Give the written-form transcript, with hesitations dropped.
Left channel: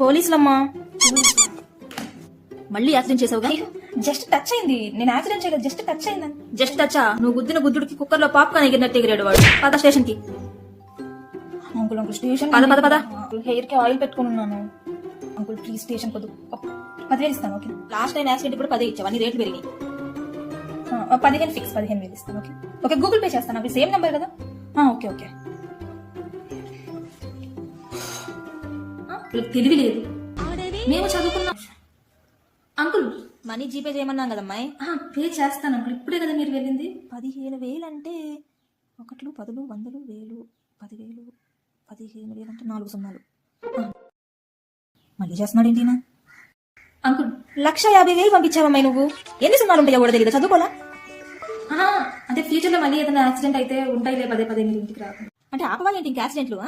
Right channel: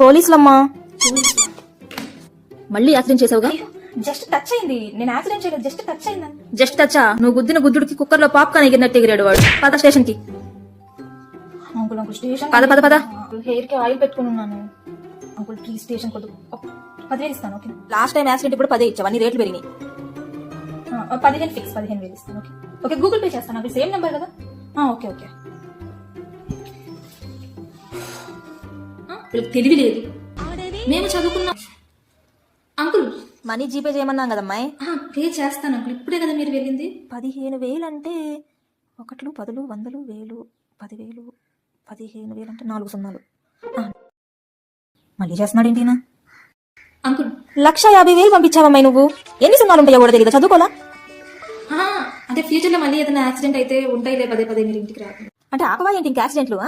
పోలీసులమ్మా. మళ్ళీ accident చేసావుగా? Just touch అయింది, నేను యాక్సిడెంట్ చేయలేదు, జస్ట్ టచ్ అయిందని. జస్ట్ టచా? నువ్వు గుద్దిన గుద్దుడికి కుక్కర్ లో పాప్కార్న్ ఎగిరినట్టు ఎగిరాడు వాడు. పద స్టేషన్ కి. అంకుల్ అంకుల్ స్టేషన్ పద పద పద. హెయిర్ కి ఆయిల్ పెట్టుకుని ఉన్నాను. అంకుల్ ప్లీజ్ స్టేషన్ కొద్దు 10,000 ఇస్తాను. ఓకే, లాస్ట్ టైం యాక్సిడెంట్ ఇప్పుడు 10 ఇచ్చావు, అన్ని రేట్లు పెరిగినాయి. 15 ఫిక్స్, 15,000 ఇస్తాను. ఓకే ఓకే, గూగుల్ పే చేస్తాను అంకుల్, సేమ్ నెంబర్ కదా? Okay okay. తెలివి లేదు, మేము చదువుకున్నాం. అంకుల్ మనీ జీపే చేయమన్నాం కదమ్మాయి. పే చేస్తాను అంకుల్, ఇప్పుడే కదా మీరు వెళ్ళింది. 15,000 అంటే 1, 10, 100, 1000, 10,000, 15,000 అంటే 4 సున్నాలు. మళ్ళీ చేస్తున్నాడు ఏంటి? అంకుల్ 1,50,000 పంపించావమ్మాయి నువ్వు. ఎన్ని సున్నాలు ఉంటాయో కూడా తెలియదు, చదువుకోలా? అంటే ఫ్యూచర్ లో మళ్ళీ ఏదైనా యాక్సిడెంట్ అయితే ఉంటాయిలే, పదే పదే మీరు ఇంటికి రాకుండా. అంటే ఆపవా ఏంటి ఇంకా యాక్సిడెంట్లు?